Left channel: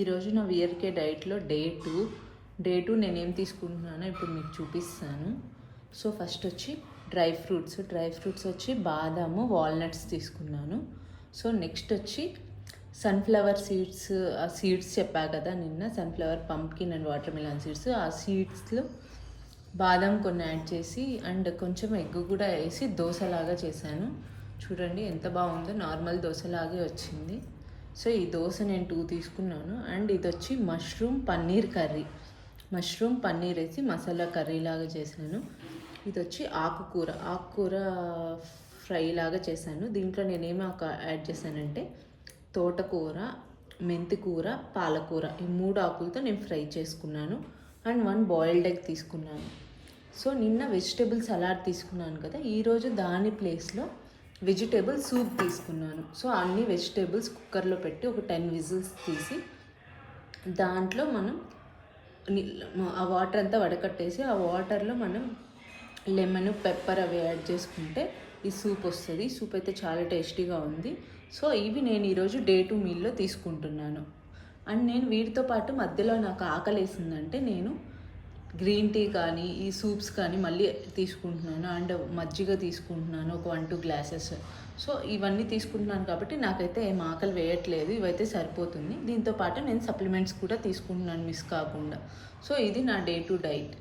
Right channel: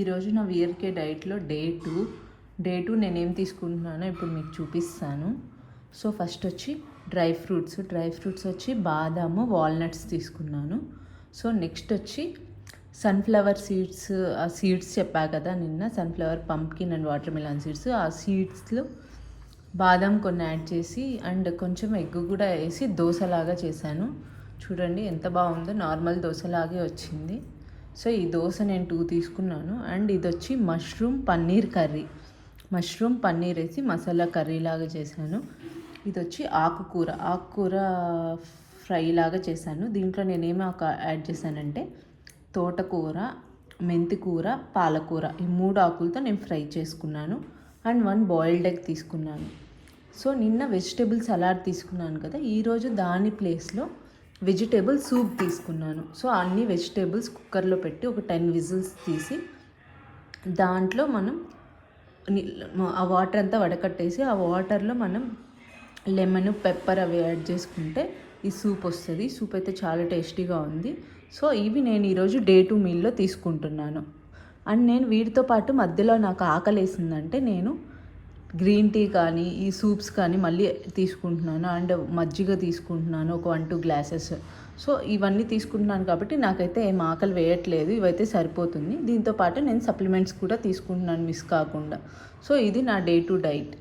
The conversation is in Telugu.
ఈరోజు నా విఆర్కే డైట్లో డే టూ నేనేం తీసుకుంటున్నానో ఇప్పుడు మీకు చూపిస్తాను. సో ఫస్ట్ వచ్చి డ్రై ఫ్రూట్స్ వచ్చి బాదాము, వాల్నట్స్ తీసుకున్నాను. సో నెక్స్ట్ వచ్చి సన్ఫ్లవర్ సీడ్స్, ఆ సీడ్స్ చెప్పా కదా నిన్న, sunflower, pumpkin and water melon seeds. ఆ సీడ్స్లో బాదం కొన్ని యాడ్ చేసి అండ్ కొంచెం ఎగ్ కూడా వేసి దోశలాగా చేశాను. చూడండి ఎంత బాగుందో, నార్మల్ దోశలాగే వచ్చింది. సో ఈ దోశ నేను 2 తీసుకున్నాను. అండ్ ఇది వచ్చి మష్రూమ్ పన్నీర్ వేసి మసాలా కర్రీ లాగా చేశాను. ఇది వచ్చి ఆకుకూర ఫ్రై లాగా చేశాను. దీంట్లో నేనేమి యాడ్ చేశానంటే తోటకూర, మెంతికూర, పాలకూర, ఈ 3 ఆకులతో నేను ఫ్రై చేసుకున్నాను. అండ్ 1 బాయిల్డ్ ఎగ్ తీసుకున్నాను. సో నిన్న వెజిటేబుల్ సలాడ్ తీసుకున్నాను కదా, ఈరోజు దాని ప్లేస్లో వెజిటేబుల్ సూప్ తీసుకున్నాను. సో అన్ని వెజిటేబుల్స్ కుక్కర్లో పెట్టి ఒక 10 విజిల్స్ తీసి దాంట్లో మనం ఆ వాటర్ అంతా వడకట్టేసి ఆ వాటర్లో మనం లెమన్, పెప్పర్ అవి యాడ్ చేసుకుంటే ఈ సూప్ వస్తుంది. సూప్ అయితే చాలా టేస్టీగా ఉంది. సో ఇవి నేను ఈరోజు డే 2 మీల్లో తీసుకుంటున్నాను. అండ్ నేను వీటితో పాటు మధ్యలో నాకు ఆకలి వేసిందంటే నేను గ్రీన్ టీ కానీ ఈ సూప్స్ కానీ మళ్ళీ తీసుకుంటున్నాను. అండ్ మజ్జిగ తీసుకుంటున్నాను ఒక 1-2 గ్లాసెస్. సో ఇవన్నీ తీసుకుంటున్నాను కాబట్టి నాకైతే ఏం ఆకలి వేయట్లేదు, ఇవైతే సరిపోతుంది. దీంతో పాటు నేను సప్లిమెంట్స్ కూడా తీసుకుంటున్నాను మిస్ కాకుండా. సో ఇది నా డే 2 డైట్.